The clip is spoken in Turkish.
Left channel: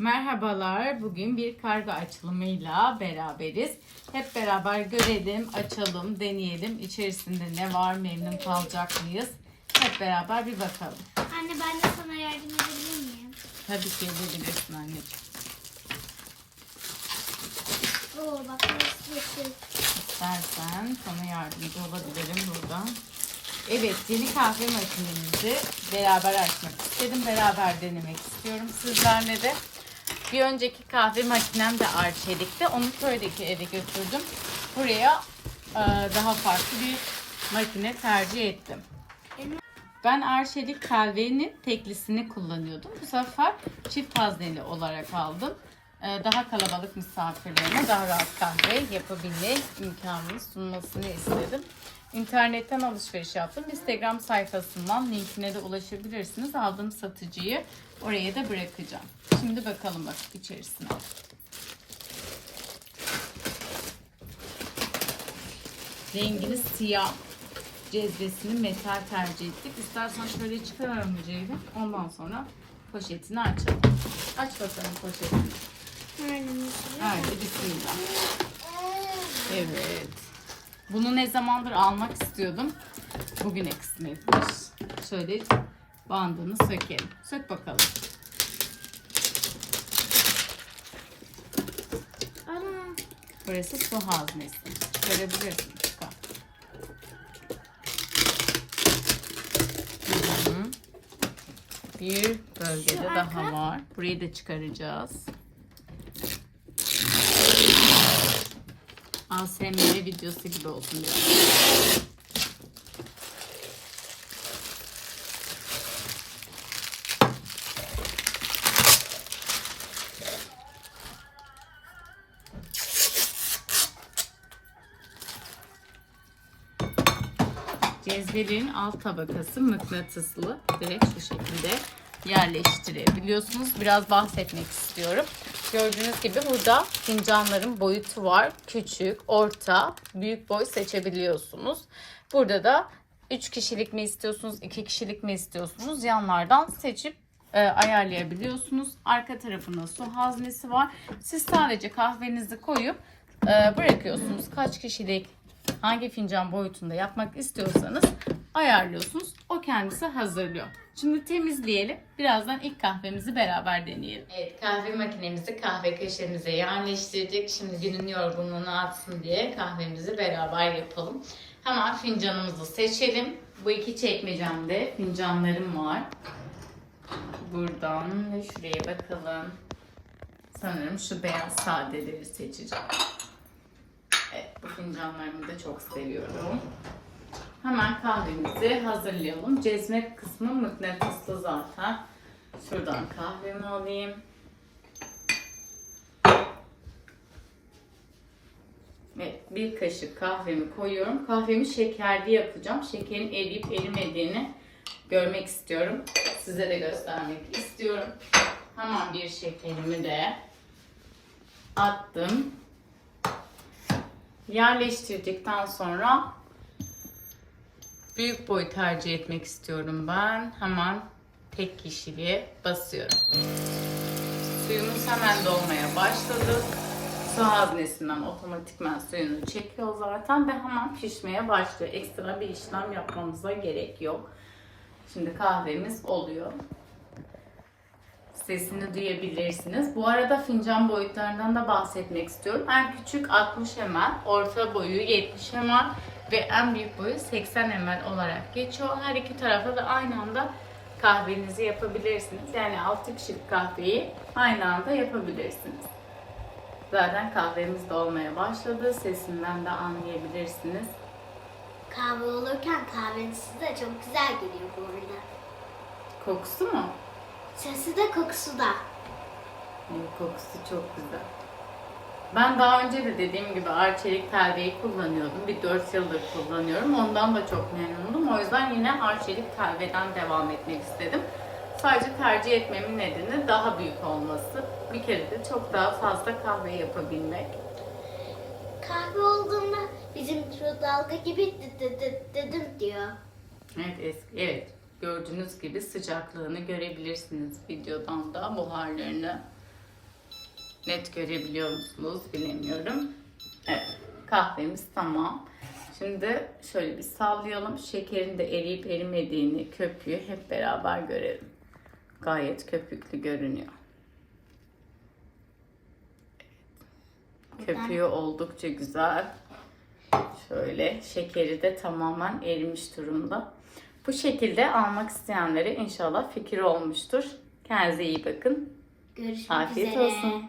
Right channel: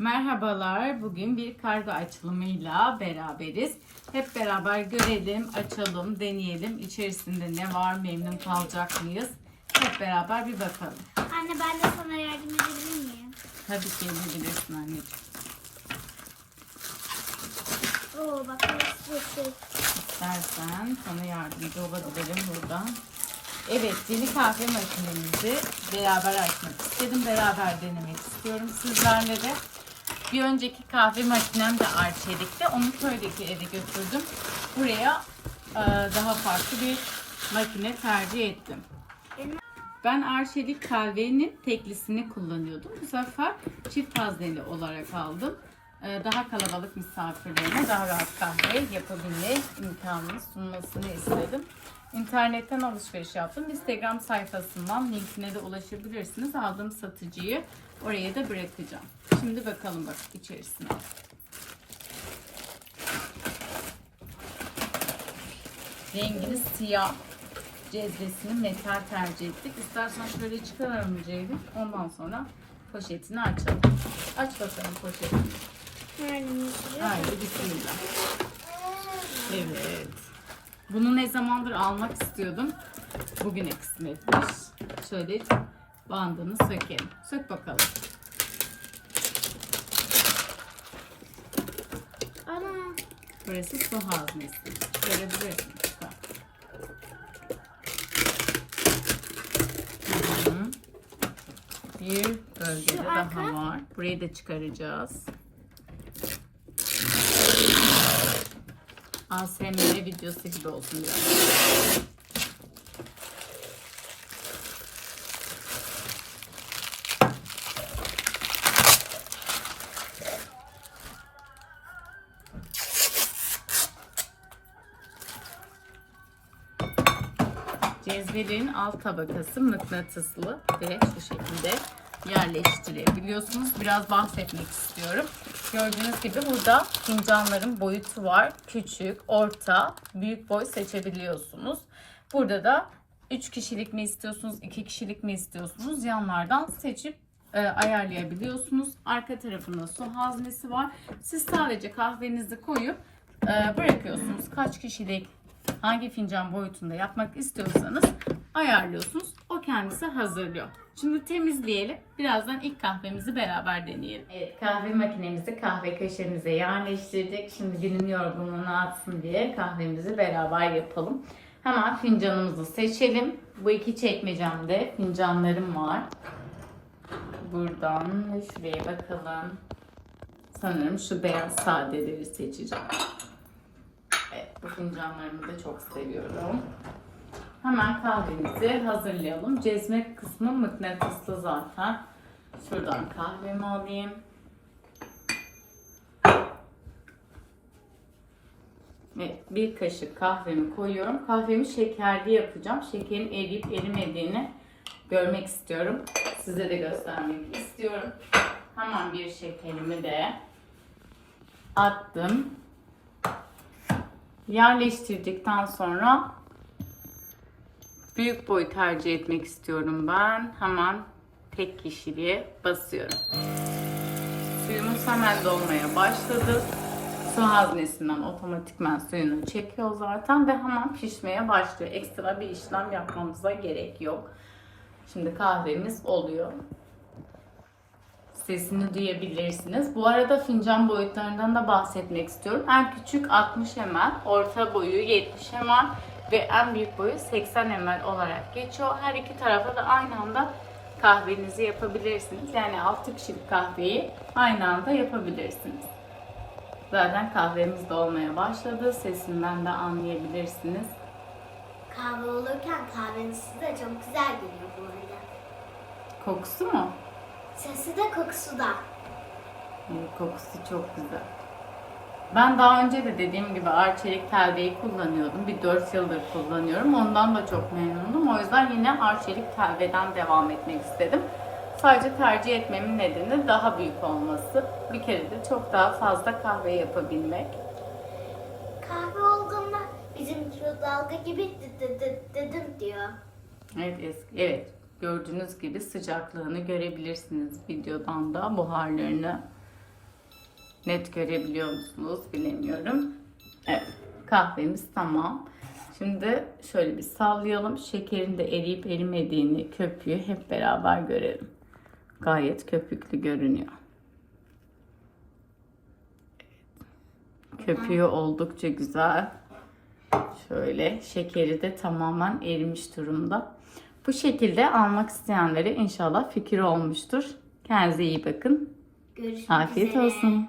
Merhabalar. Bugün bir kargo açılımıyla beraberiz. Hep beraber görelim, açalım, deneyelim. İçerisinde ne var, memnun kalacak mıyız? Hep beraber bir bakalım. Anne ben de sana yardım edebilir miyim? Tabii ki edebilirsin anneciğim. Oo bak nasıl. İstersen sana yardımcı olabilirim buradan. Evet, yeni kahve makinemizi beraber açmak istedim. Beraber denemek istiyorum sizlerle de. Bir önceki kahve makinem de Arçelik'te. Onu köydeki eve götürdüm. Buraya e, daha farklı bir makine tercih ettim. Ben Arçelik kahvenin teklisini kullanıyordum. Bu sefer çift hazneli olarak aldım. Ee, Daha kalabalık misafirlerime daha rahat kahve yapabilme imkanını sunmasını istedim. İnternetten alışveriş yaptım. Instagram sayfasından linkine de ulaşabilirsiniz. Aldığım satıcıyı oraya da bırakacağım. Şimdi bakalım bak içerisine. Rengini siyah cezvesini metal tercih ettik. İstersen şöyle çıkaralım Ceylin. Ondan sonra poşetini açalım. Aç bakalım poşetini. nereden Haydi bismillah. Evet. Bunu ne zamandır almak istiyordum. Bugüne kısmetmiş. Şöyle bandını sökelim. Sök bakalım. Ana Burası su haznesi. Görebilirsin. Bir bölgede Şu daha arka? var. Burayı da çıkaracağız. ASMR videosu gibi olsun biraz. Cezvelerin alt tabakası mıknatıslı ve şu şekilde yerleştirebiliyorsunuz. Biraz bahsetmek istiyorum. Gördüğünüz gibi burada fincanların boyutu var. Küçük, orta, büyük boy seçebiliyorsunuz. Burada da 3 kişilik mi istiyorsunuz, 2 kişilik mi istiyorsunuz yanlardan seçip e, ayarlayabiliyorsunuz. Arka tarafında su haznesi var. Siz sadece kahvenizi koyup e, bırakıyorsunuz. Kaç kişilik hangi fincan boyutunda yapmak istiyorsanız ayarlıyorsunuz. O kendisi hazırlıyor. Şimdi temizleyelim. Birazdan ilk kahvemizi beraber deneyelim. Evet, kahve makinemizi kahve köşemize yerleştirdik. Şimdi günün yorgunluğunu atsın diye kahvemizi beraber yapalım. Hemen fincanımızı seçelim. Bu iki çekmecemde fincanlarım var. Buradan şuraya bakalım. Sanırım şu beyaz sadeleri seçeceğim. Evet, bu fincanlarımı da çok seviyorum. Hemen kahvemizi hazırlayalım. Cezme kısmı mıknatıslı zaten. Şuradan kahvemi alayım. Ve bir kaşık kahvemi koyuyorum. Kahvemi şekerli yapacağım. Şekerin eriyip erimediğini görmek istiyorum. Size de göstermek istiyorum. Hemen bir şekerimi de attım. Yerleştirdikten sonra büyük boy tercih etmek istiyorum ben. Hemen tek kişiliğe basıyorum. Suyumuz hemen dolmaya başladı. Su haznesinden otomatikman suyunu çekiyor zaten ve hemen pişmeye başlıyor. Ekstra bir işlem yapmamıza gerek yok. Şimdi kahvemiz oluyor. Sesini duyabilirsiniz. Bu arada fincan boyutlarından da bahsetmek istiyorum. En küçük 60 ml, orta boyu 70 ml ve en büyük boyu 80 ml olarak geçiyor. Her iki tarafa da aynı anda kahvenizi yapabilirsiniz. Yani 6 kişilik kahveyi aynı anda yapabilirsiniz. Zaten kahvemiz de olmaya başladı. Sesinden de anlayabilirsiniz. kahve olurken kahvenin sesi de çok güzel geliyor bu arada. Kokusu mu? Sesi de kokusu da. Evet, Kokusu çok güzel. Ben daha önce de dediğim gibi Arçelik telveyi kullanıyordum. Bir 4 yıldır kullanıyorum. Ondan da çok memnunum. O yüzden yine Arçelik telveden devam etmek istedim. Sadece tercih etmemin nedeni daha büyük olması. Bir kere de çok daha fazla kahve yapabilmek. Kahve olduğunda bizim mikrodalga gibi dedim diyor. Evet, evet. Gördüğünüz gibi sıcaklığını görebilirsiniz videodan da buharlarını net görebiliyor musunuz bilemiyorum. Evet kahvemiz tamam. Şimdi şöyle bir sallayalım. Şekerin de eriyip erimediğini, köpüğü hep beraber görelim. Gayet köpüklü görünüyor. Köpüğü oldukça güzel. Şöyle şekeri de tamamen erimiş durumda. Bu şekilde almak isteyenlere inşallah fikir olmuştur. Kendinize iyi bakın. Görüşmek Afiyet üzere. olsun.